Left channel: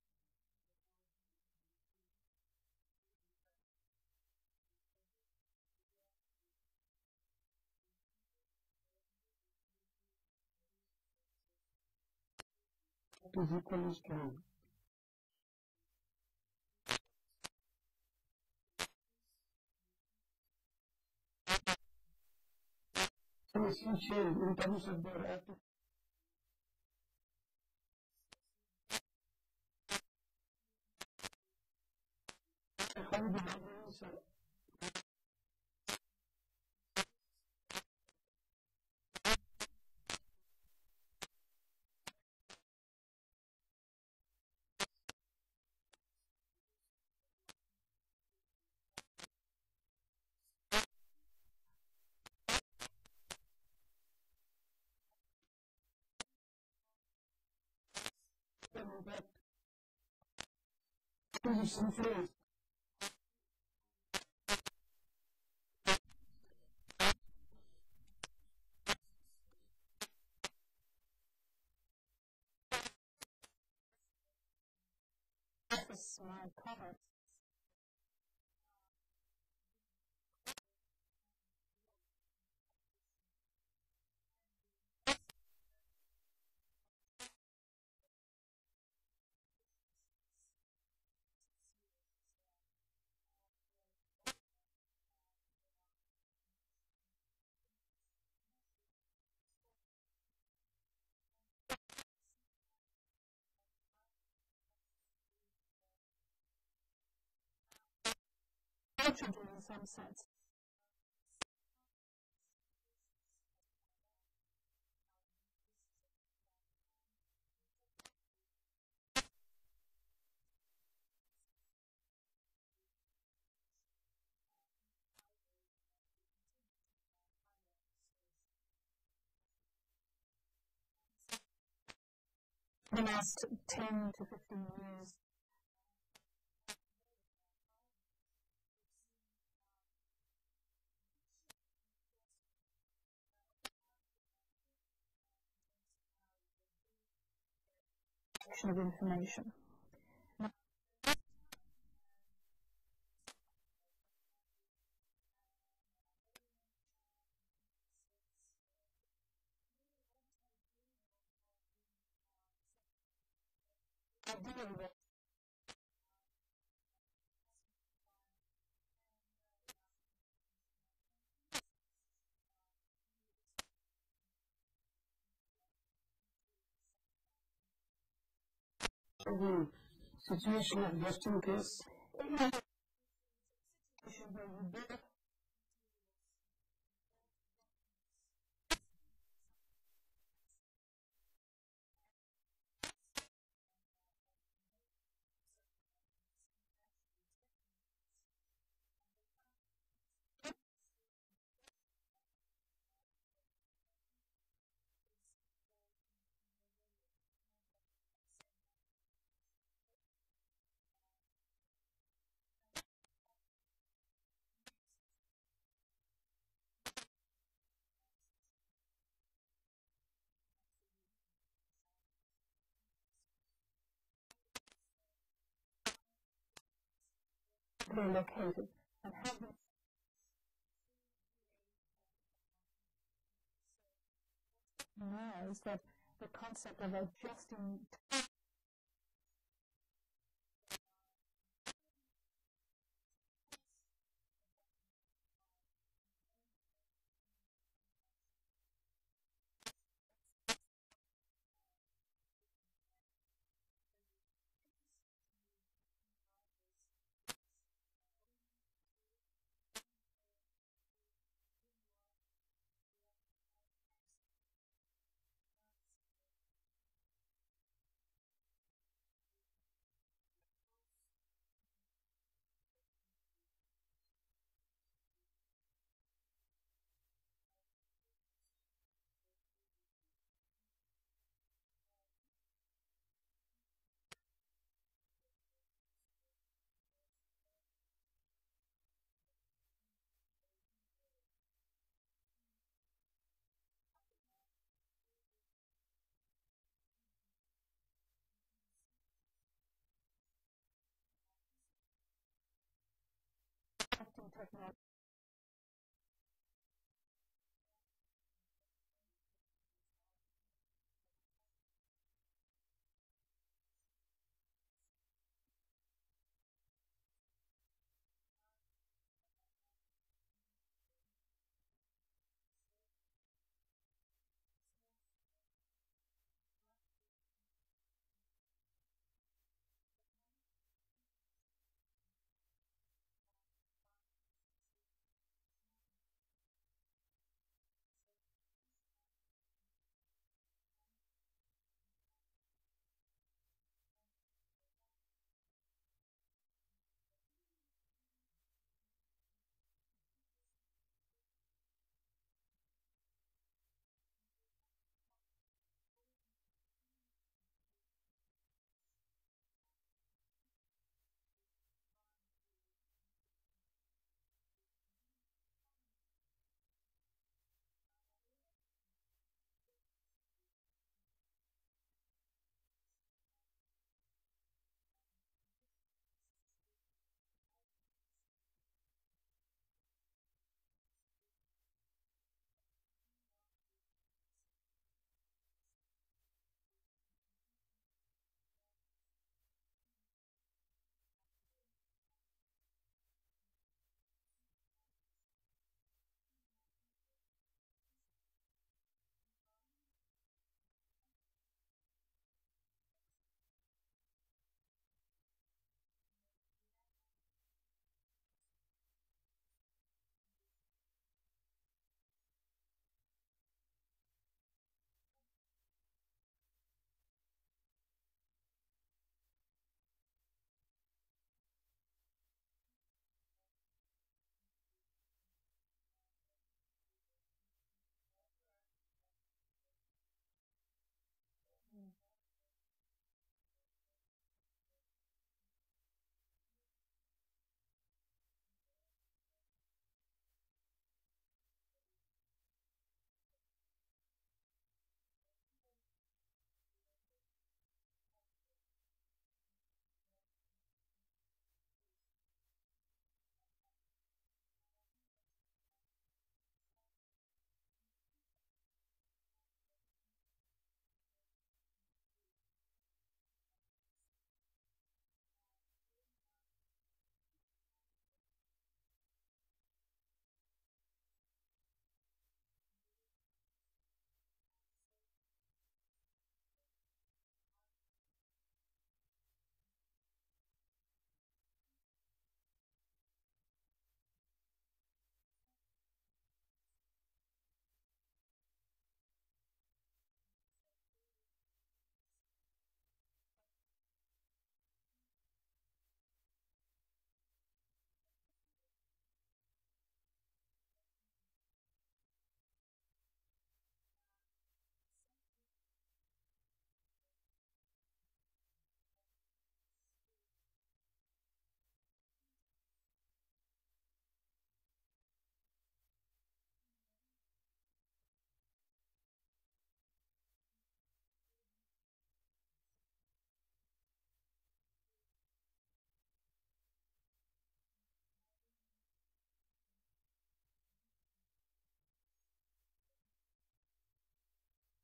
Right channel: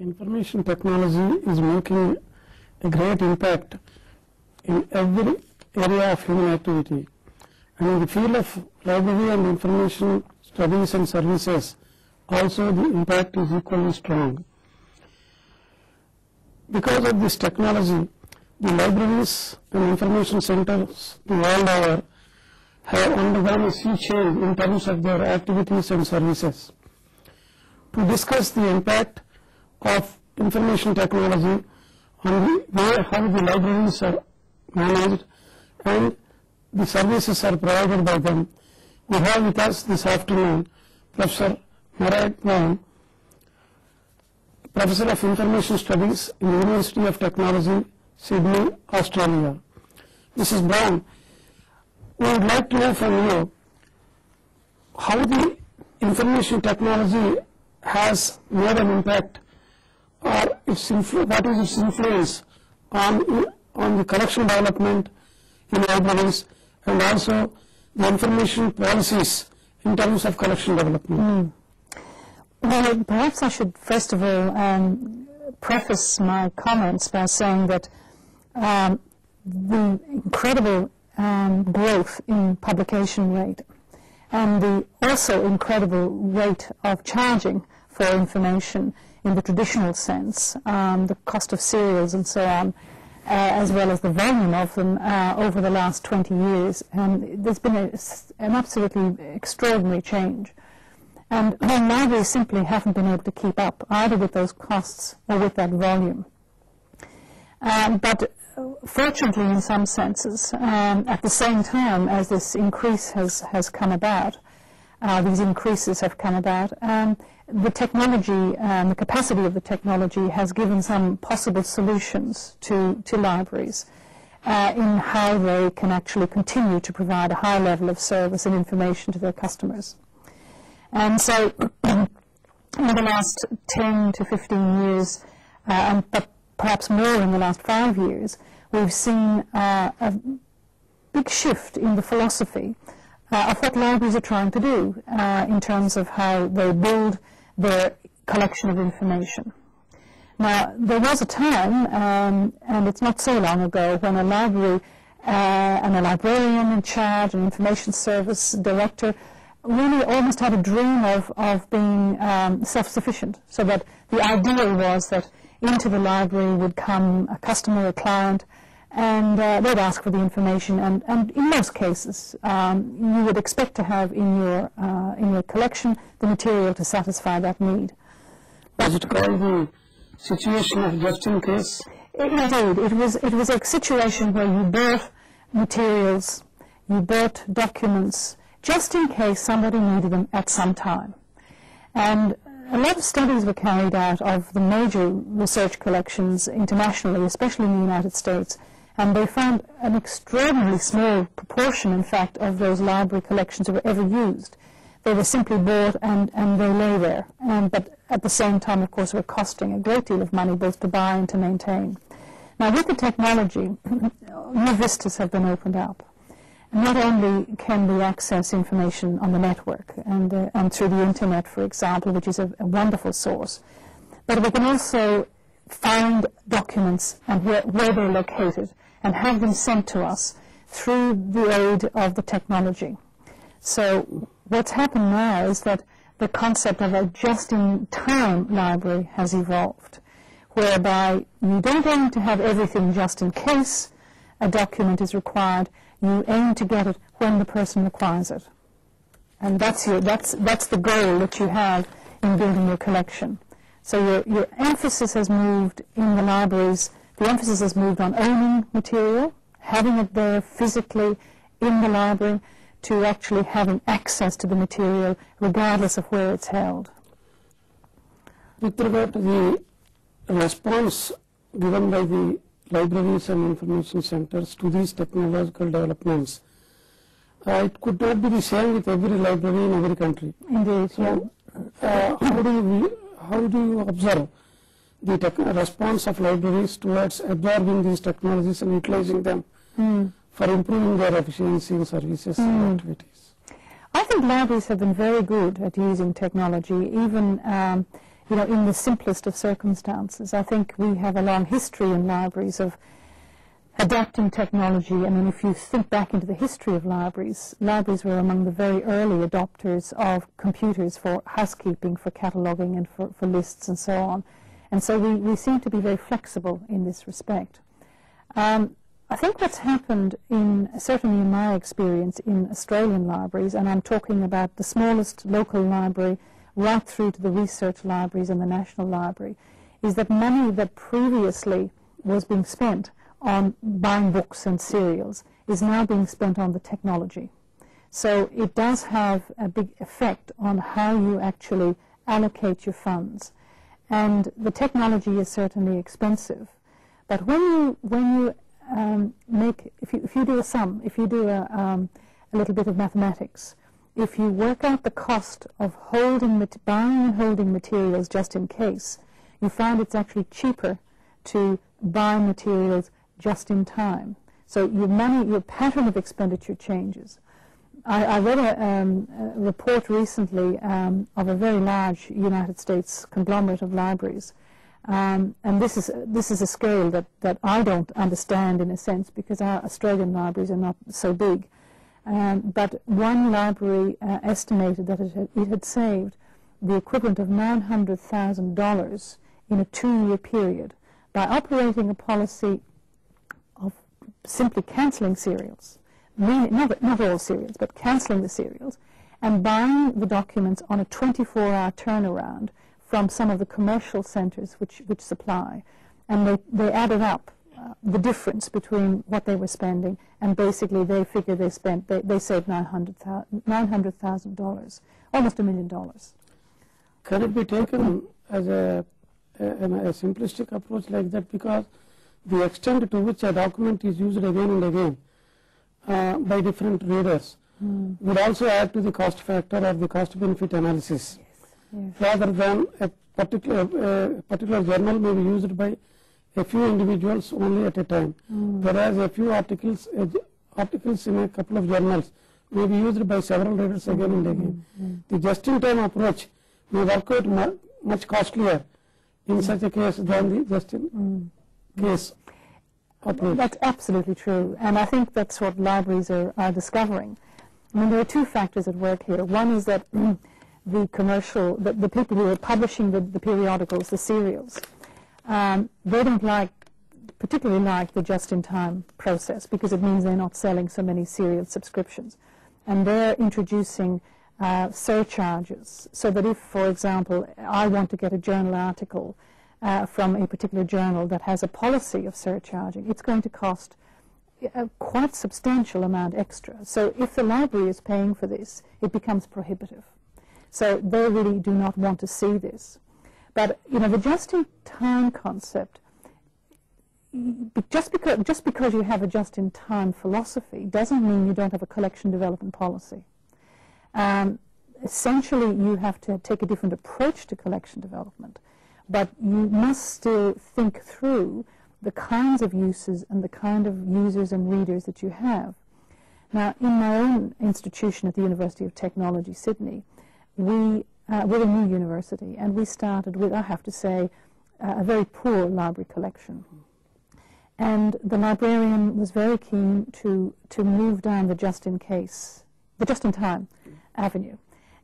Information technology is making a great impact in every area of human activity, and in the field of library and information studies and services also the impact is equally strong. Because of this technology, the libraries and information centers the world over have undergone a sea change in terms of their activities and services. To discuss the impact of information technology on the way how the libraries are managed and the services are provided by them, we have with us this afternoon Professor Marad Brown, Professor of Information Studies in the University of Technology, Sydney, Australia. Mrs. Brown, we would like to know from you how the information technology has made an impact, or what is its influence on the collection development in libraries and also the information policies in terms of collection development. Well, perhaps I should first of all preface my comments by saying that the incredible growth in publication rate and the also incredible rate of charging for information in the traditional sense, the cost of serials and so on, as well as the volume of them over the last 20 years. There's been an absolutely extraordinary change. And libraries simply haven't been able to keep up either with those costs or with that volume. But fortunately, in some senses, at the same time as this increase has come about, these increases have come about, the technology and the capacity of the technology has given some possible solutions to libraries in how they can actually continue to provide a high level of service and information to their customers. And so in the last 10 to 15 years, but perhaps more in the last 5 years, we've seen a big shift in the philosophy of what libraries are trying to do in terms of how they build their collection of information. Now, there was a time, and it's not so long ago, when a library and a librarian in charge, an information service director, really almost had a dream of being self-sufficient, so that the ideal was that into the library would come a customer, a client, and they'd ask for the information, and in most cases you would expect to have in your collection the material to satisfy that need. Was it called the situation of just in case? Indeed, it was a situation where you bought materials, you bought documents, just in case somebody needed them at some time. And a lot of studies were carried out of the major research collections internationally, especially in the United States, and they found an extraordinarily small proportion, in fact, of those library collections that were ever used. They were simply bought and they lay there, but at the same time, of course, were costing a great deal of money both to buy and to maintain. Now, with the technology, new vistas have been opened up. Not only can we access information on the network and through the internet, for example, which is a wonderful source, but we can also find documents and where they're located and have them sent to us through the aid of the technology. So what's happened now is that the concept of a just-in-time library has evolved, whereby you don't aim to have everything just in case a document is required. You aim to get it when the person requires it. And that's the goal that you have in building your collection. So your emphasis has moved in the libraries, the emphasis has moved on owning material, having it there physically in the library, to actually having access to the material regardless of where it's held. With regard to the response given by the libraries and information centers to these technological developments, it could not be the same with every library in every country. Indeed, so, how do you observe the response of libraries towards absorbing these technologies and utilizing them for improving their efficiency in services and activities? I think libraries have been very good at using technology, even in the simplest of circumstances. I think we have a long history in libraries of adapting technology. I mean, if you think back into the history of libraries, libraries were among the very early adopters of computers for housekeeping, for cataloguing, and for lists and so on. And so we seem to be very flexible in this respect. I think what's happened, certainly in my experience in Australian libraries, and I'm talking about the smallest local library right through to the research libraries and the National Library, is that money that previously was being spent on buying books and serials is now being spent on the technology. So it does have a big effect on how you actually allocate your funds. And the technology is certainly expensive. But when you if you do a sum, if you do a little bit of mathematics, if you work out the cost of buying and holding materials just in case, you find it's actually cheaper to buy materials just in time. So your pattern of expenditure changes. I read a report recently of a very large United States conglomerate of libraries, and this is a scale that I don't understand in a sense, because our Australian libraries are not so big. But one library estimated that it had saved the equivalent of $900,000 in a 2-year period by operating a policy of simply cancelling serials, not all serials, but cancelling the serials, and buying the documents on a 24-hour turnaround from some of the commercial centres which supply. And they added up the difference between what they were spending, and basically they figure they saved $900,000, almost $1 million. Can it be taken as a simplistic approach like that, because the extent to which a document is used again and again by different readers would also add to the cost factor or the cost benefit analysis, rather than a particular journal may be used by a few individuals only at a time, whereas a few articles in a couple of journals may be used by several readers again and again. The just-in-time approach may work out much costlier in such a case than the just-in-case approach. That's absolutely true, and I think that's what libraries are discovering. I mean, there are two factors at work here. One is that the people who are publishing the periodicals, the serials, they don't particularly like the just-in-time process, because it means they're not selling so many serial subscriptions. And they're introducing surcharges, so that if, for example, I want to get a journal article from a particular journal that has a policy of surcharging, it's going to cost a quite substantial amount extra. So if the library is paying for this, it becomes prohibitive. So they really do not want to see this. But the just-in-time concept, just because you have a just-in-time philosophy doesn't mean you don't have a collection development policy. Essentially, you have to take a different approach to collection development, but you must still think through the kinds of uses and the kind of users and readers that you have. Now, in my own institution at the University of Technology, Sydney, we're a new university, and we started with, I have to say, a very poor library collection. And the librarian was very keen to move down the just-in-time avenue.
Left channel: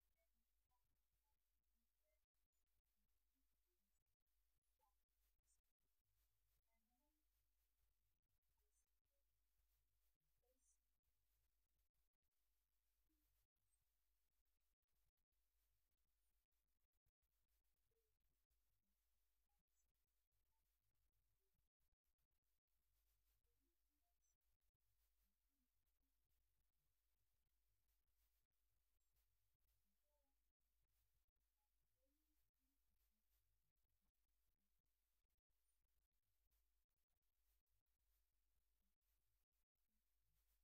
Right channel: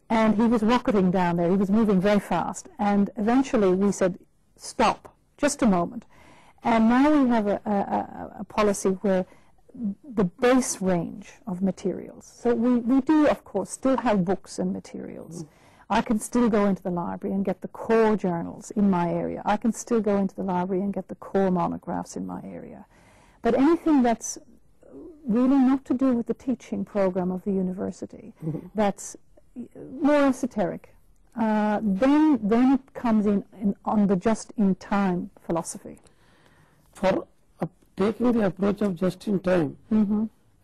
And he was rocketing down there. He was moving very fast. And eventually we said, stop, just a moment. And now we have a policy where the base range of materials. So we do, of course, still have books and materials. I can still go into the library and get the core journals in my area. I can still go into the library and get the core monographs in my area. But anything that's really not to do with the teaching program of the university, that's more esoteric, then it comes in on the just-in-time philosophy. For taking the approach of just-in-time,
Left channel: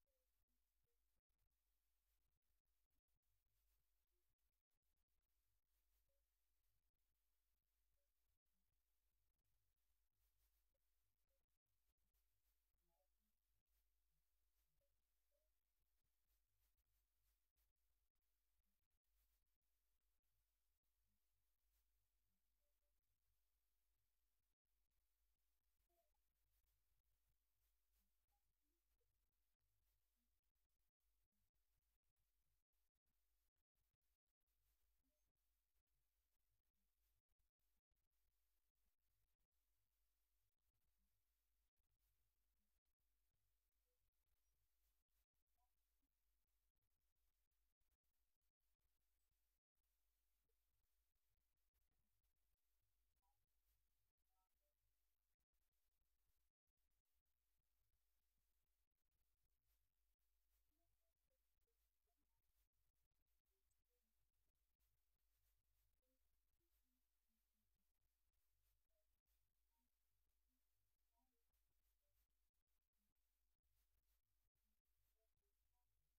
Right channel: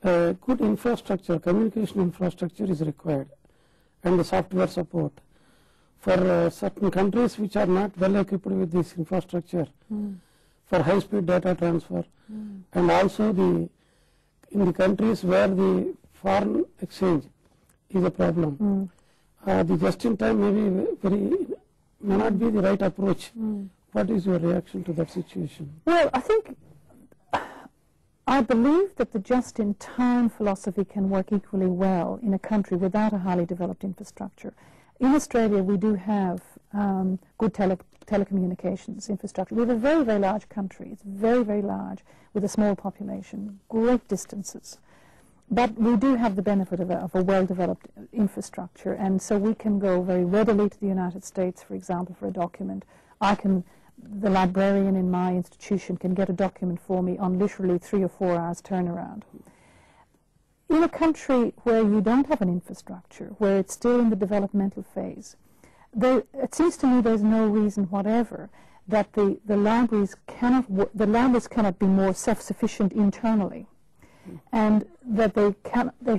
good infrastructure, communication infrastructure is required, and the software support. For certain countries which are not well equipped with this infrastructure, for high-speed data transfer, and also in the countries where the foreign exchange is a problem, the just-in-time may not be the right approach. What is your reaction to that situation? Well, I believe that the just-in-time philosophy can work equally well in a country without a highly developed infrastructure. In Australia, we do have good telecommunications infrastructure. We have a very, very large country. It's very, very large with a small population, great distances. But we do have the benefit of a well-developed infrastructure, and so we can go very readily to the United States, for example, for a document. The librarian in my institution can get a document for me on literally 3 or 4 hours turnaround. In a country where you don't have an infrastructure, where it's still in the developmental phase, it seems to me there's no reason whatever that the libraries cannot be more self-sufficient internally, and that they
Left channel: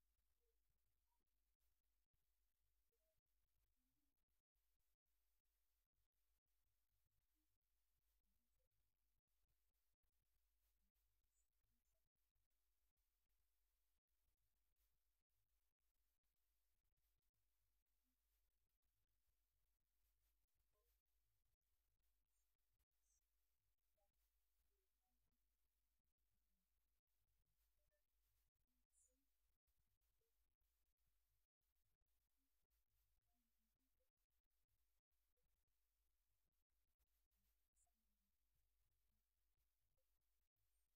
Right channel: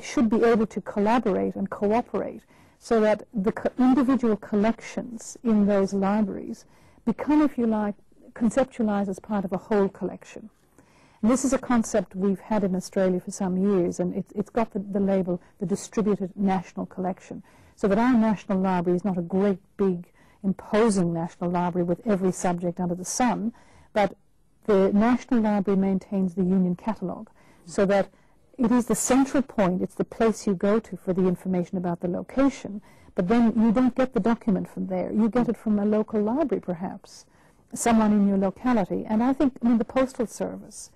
should be able to collaborate and cooperate so that the individual collections in those libraries become, if you like, conceptualized as part of a whole collection. And this is a concept we've had in Australia for some years, and it's got the label, the distributed national collection, so that our national library is not a great big imposing national library with every subject under the sun, but the National Library maintains the Union Catalogue, so that it is the central point, it's the place you go to for the information about the location, but then you don't get the document from there. You get it from a local library, perhaps, someone in your locality. And I think, the Postal Service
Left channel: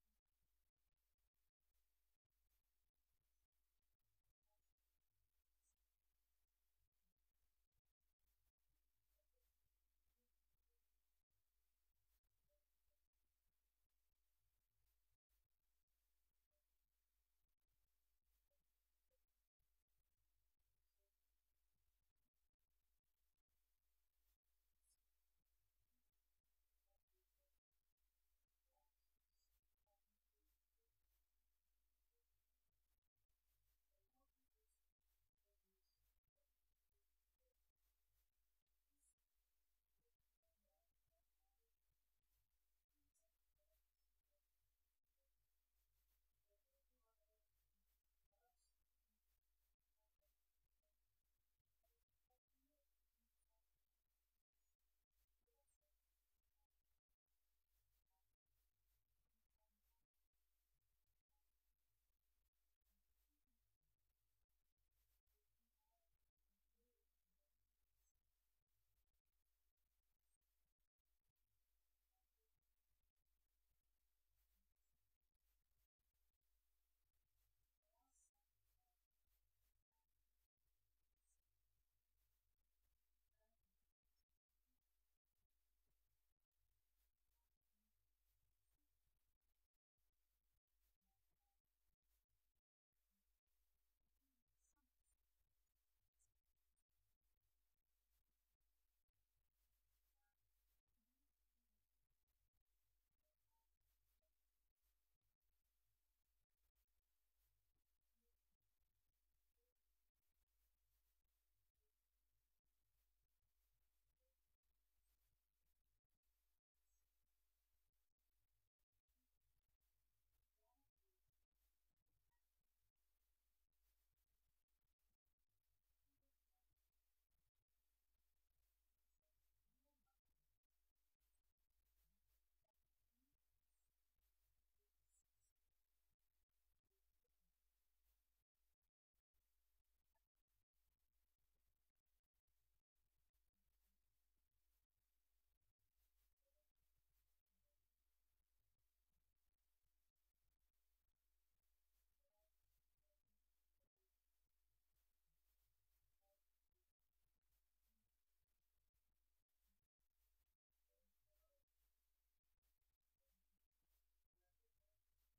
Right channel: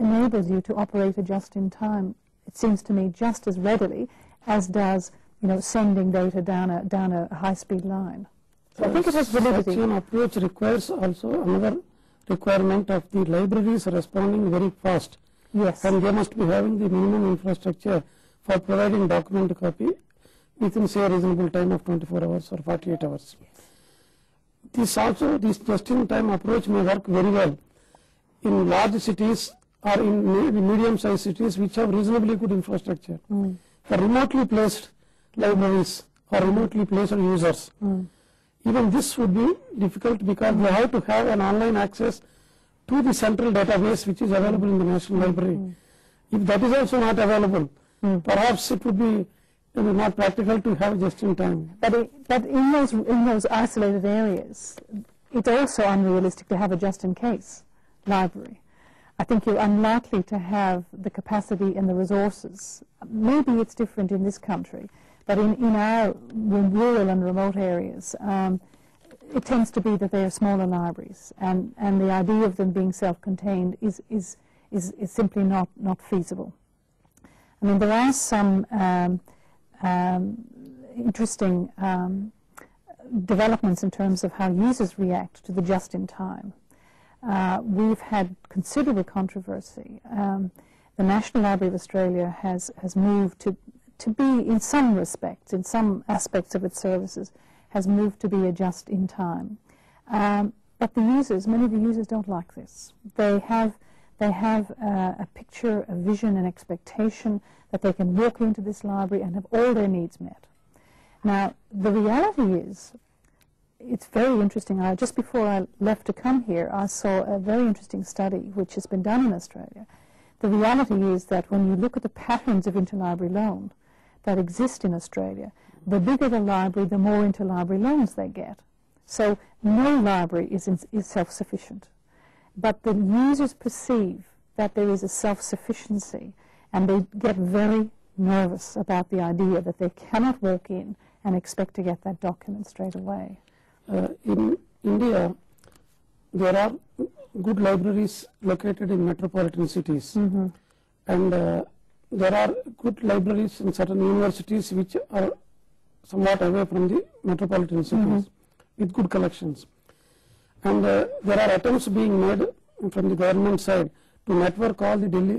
enables you to operate a just-in-time, it seems to me, just as readily as does, sending data down a high-speed line. So I think it has validity. Such an approach requires also another requirement of the libraries responding very fast. Yes. And they must be having the minimum infrastructure for providing document copy within, say, a reasonable time of 24 hours or 48 hours. Yes. This just-in-time approach may work very well in large cities or in medium-sized cities which have reasonably good infrastructure. For remotely placed libraries or remotely placed users, even this would be difficult because they have to have an online access to the central database which is available in the National Library. If that is also not available, perhaps it would be not practical to have just-in-time. But in those isolated areas, it's also unrealistic to have a just-in-case library. I think you're unlikely to have the capacity and the resources. Maybe it's different in this country, but in our rural and remote areas, it tends to be that they are smaller libraries, and the idea of them being self-contained is simply not feasible. There are some interesting developments in terms of how users react to the just-in-time. We've had considerable controversy. The National Library of Australia has moved to be, in some respects, in some aspects of its services, has moved to be a just-in-time. But many of the users don't like this. They have a picture, a vision, an expectation that they can walk into this library and have all their needs met. Now, the reality is, it's very interesting. Just before I left to come here, I saw a very interesting study which has been done in Australia. The reality is that when you look at the patterns of interlibrary loan that exist in Australia, the bigger the library, the more interlibrary loans they get. So no library is self-sufficient. But the users perceive that there is a self-sufficiency, and they get very nervous about the idea that they cannot walk in and expect to get that document straight away. In India, there are good libraries located in metropolitan cities, and there are good libraries in certain universities which are somewhat away from the metropolitan cities with good collections. And there are attempts being made from the government side to network all the Delhi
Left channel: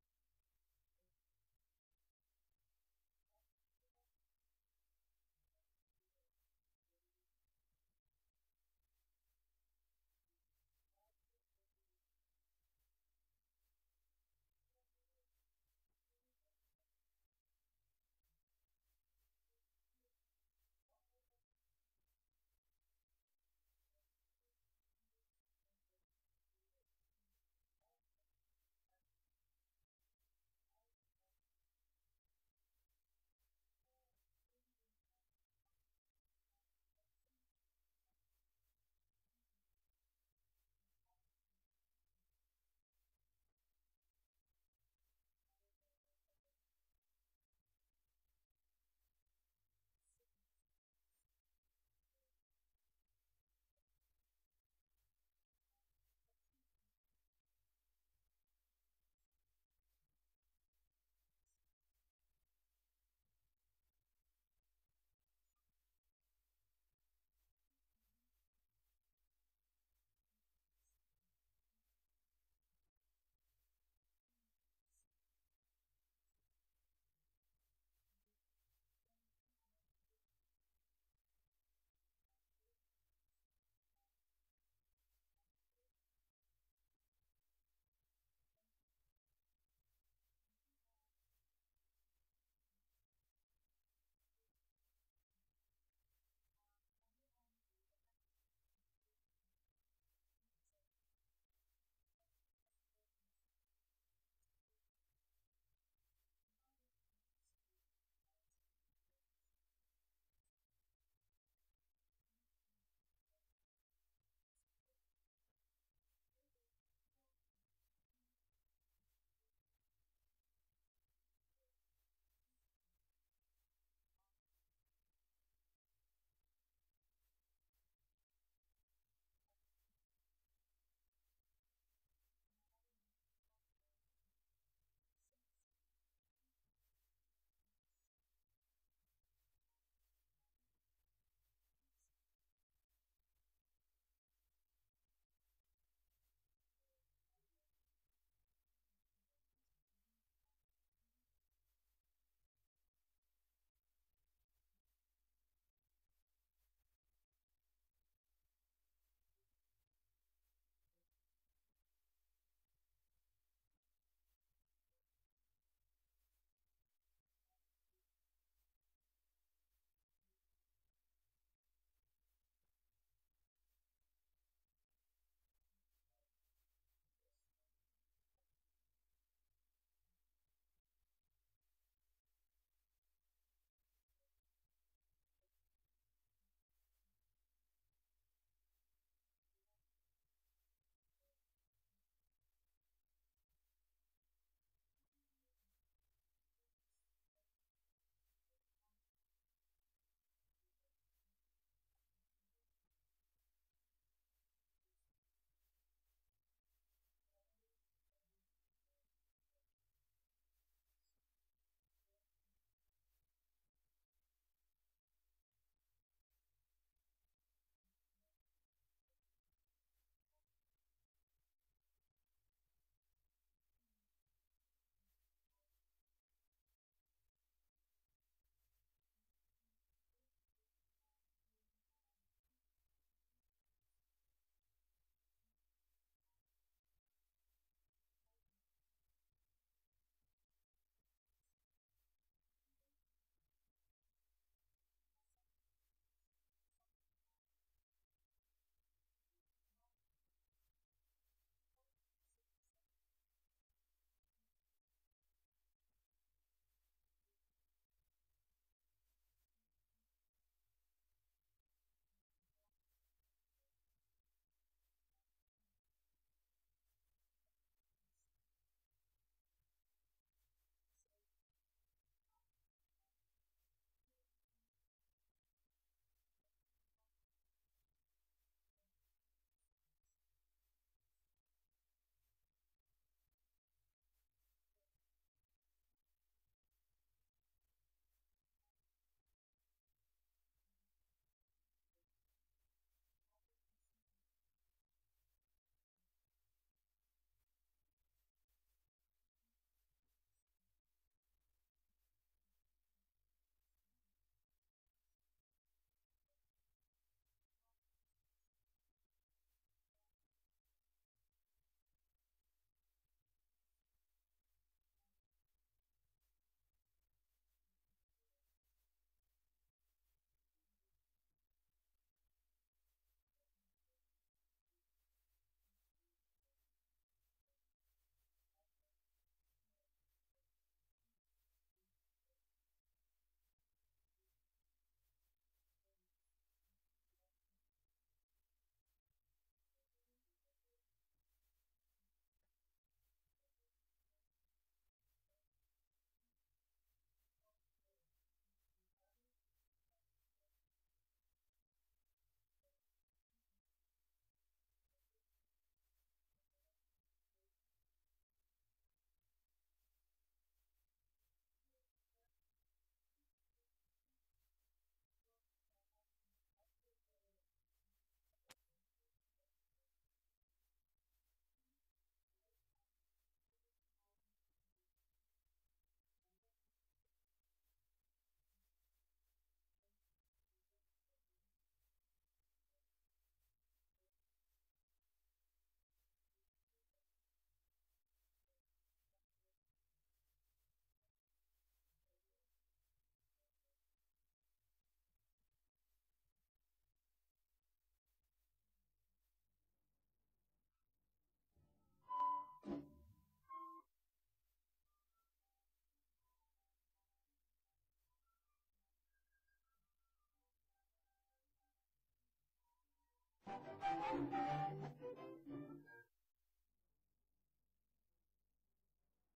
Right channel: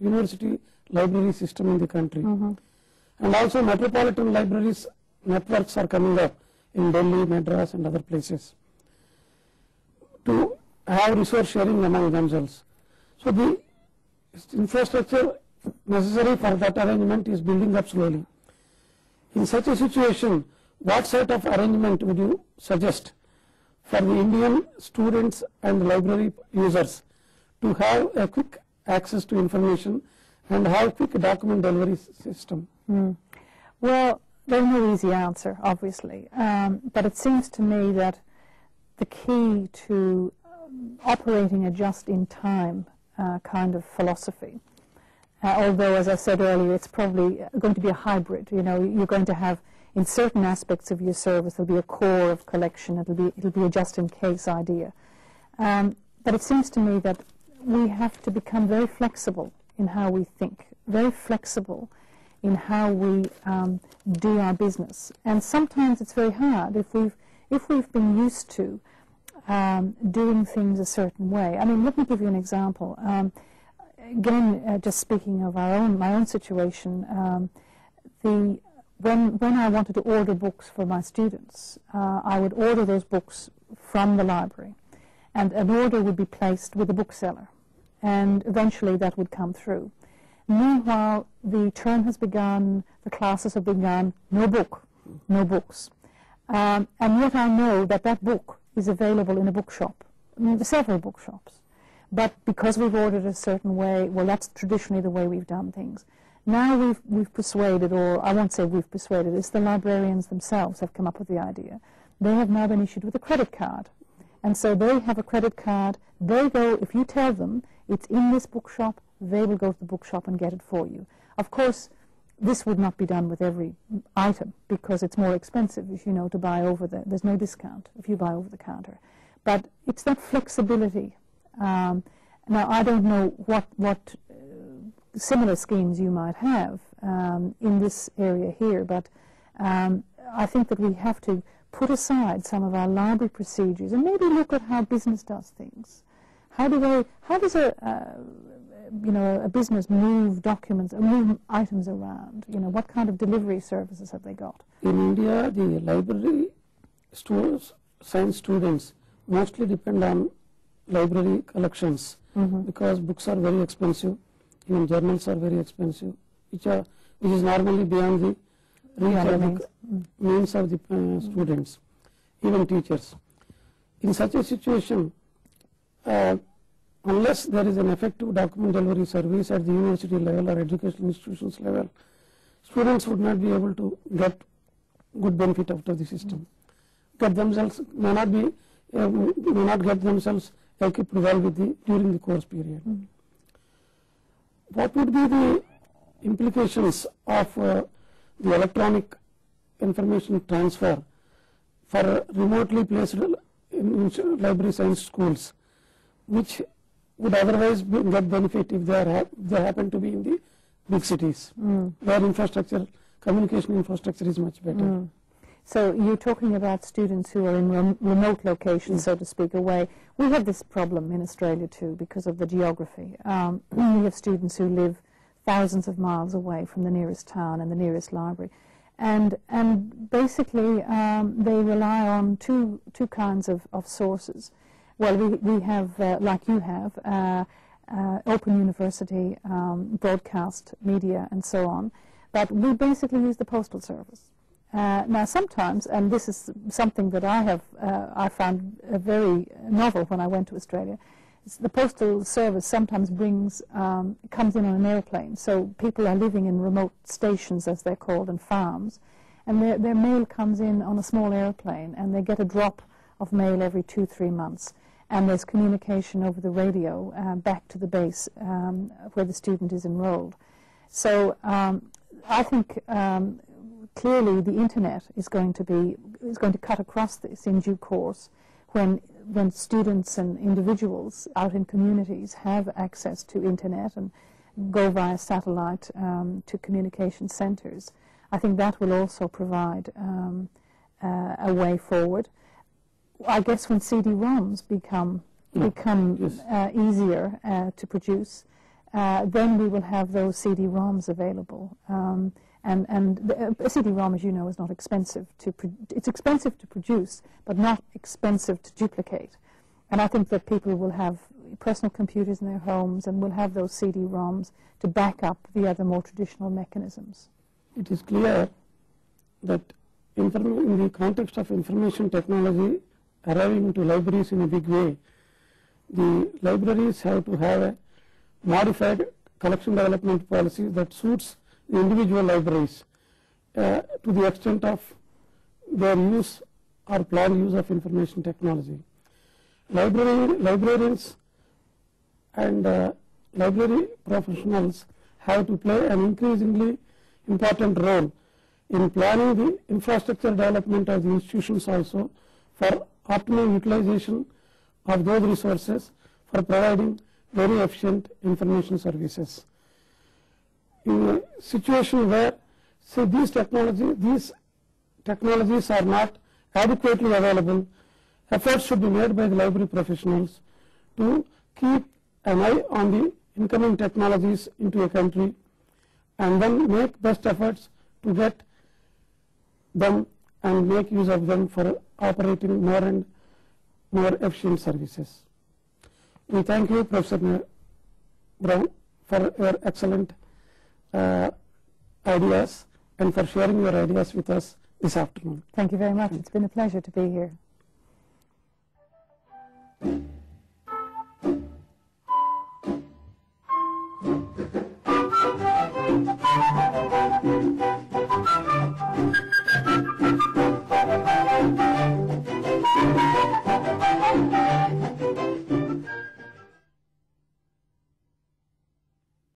university library system in the country. And also metropolitan libraries networks are coming up in Delhi, Madras and other places to have resource sharing among themselves. So the infrastructure necessary for that arrangement is building up slowly. In such a situation, what sort of arrangement would you suggest for the Indian students and library users to have a quick access to information and have quick document delivery system? Well, there's no easy answer, obviously, but it seems to me that the key to operating a just-in-time kind of philosophy, although, as I said earlier, it's probably going to be a hybrid. You know, you're going to have, in certain aspects of your service, there'll be a core of collection. It'll be a just-in-case idea. But it seems to me that we have to become very flexible in how we think, very flexible in how we do our business. And sometimes it's very hard if we've been used to doing things a certain way. I mean, let me give you an example. Again, just speaking of my own situation, when I wanted to order books for my students, I would order those books from the library, and an order would be placed with a bookseller, and eventually that would come through. Meanwhile, the term has begun, the classes have begun, no books. And yet I know that that book is available in a bookshop, several bookshops. But because we've ordered a certain way, well, that's traditionally the way we've done things. Now we've persuaded, or I won't say we've persuaded, it's the librarians themselves have come up with the idea. They have now been issued with a credit card. And so they have a credit card. They go, if you tell them it's in this bookshop, they will go to the bookshop and get it for you. Of course, this would not be done with every item because it's more expensive, as you know, to buy there's no discount if you buy over the counter. But it's that flexibility. Now, I don't know what similar schemes you might have in this area here, but I think that we have to put aside some of our library procedures and maybe look at how business does things. How does a business move documents, move items around? You know, what kind of delivery services have they got? In India, the library science students mostly depend on library collections because books are very expensive, even journals are very expensive, which is normally beyond the reach of the means of the students, even teachers. In such a situation, unless there is an effective document delivery service at the university level or educational institutions level, students would not be able to get good benefit out of the system. May not get themselves equipped well during the course period. What would be the implications of the electronic information transfer for remotely placed library science schools, which would otherwise get benefit if they happen to be in the big cities, where communication infrastructure is much better. So you're talking about students who are in remote locations, so to speak, away. We have this problem in Australia too because of the geography. We have students who live thousands of miles away from the nearest town and the nearest library. And basically they rely on two kinds of sources. Well, we have, like you have, Open University, broadcast media and so on, but we basically use the postal service. Now sometimes, and this is something that I found very novel when I went to Australia, the postal service sometimes comes in on an airplane. So people are living in remote stations, as they're called, and farms, and their mail comes in on a small airplane, and they get a drop of mail every 2-3 months. and there's communication over the radio back to the base where the student is enrolled. So I think clearly the internet is going to cut across this in due course when students and individuals out in communities have access to internet and go via satellite to communication centres. I think that will also provide a way forward. I guess when CD-ROMs become easier to produce, then we will have those CD-ROMs available. And a CD-ROM, as you know, is not expensive it's expensive to produce, but not expensive to duplicate. And I think that people will have personal computers in their homes and will have those CD-ROMs to back up the other more traditional mechanisms. It is clear that in the context of information technology arriving into libraries in a big way, the libraries have to have a modified collection development policy that suits the individual libraries to the extent of their use or planned use of information technology. Librarians and library professionals have to play an increasingly important role in planning the infrastructure development of the institutions also for optimal utilization of those resources for providing very efficient information services. In a situation where, say, these technologies are not adequately available, efforts should be made by the library professionals to keep an eye on the incoming technologies into a country and then make best efforts to get them and make use of them for operating more and more efficient services. We thank you, Professor Brown, for your excellent ideas and for sharing your ideas with us this afternoon. Thank you very much. It's been a pleasure to be here.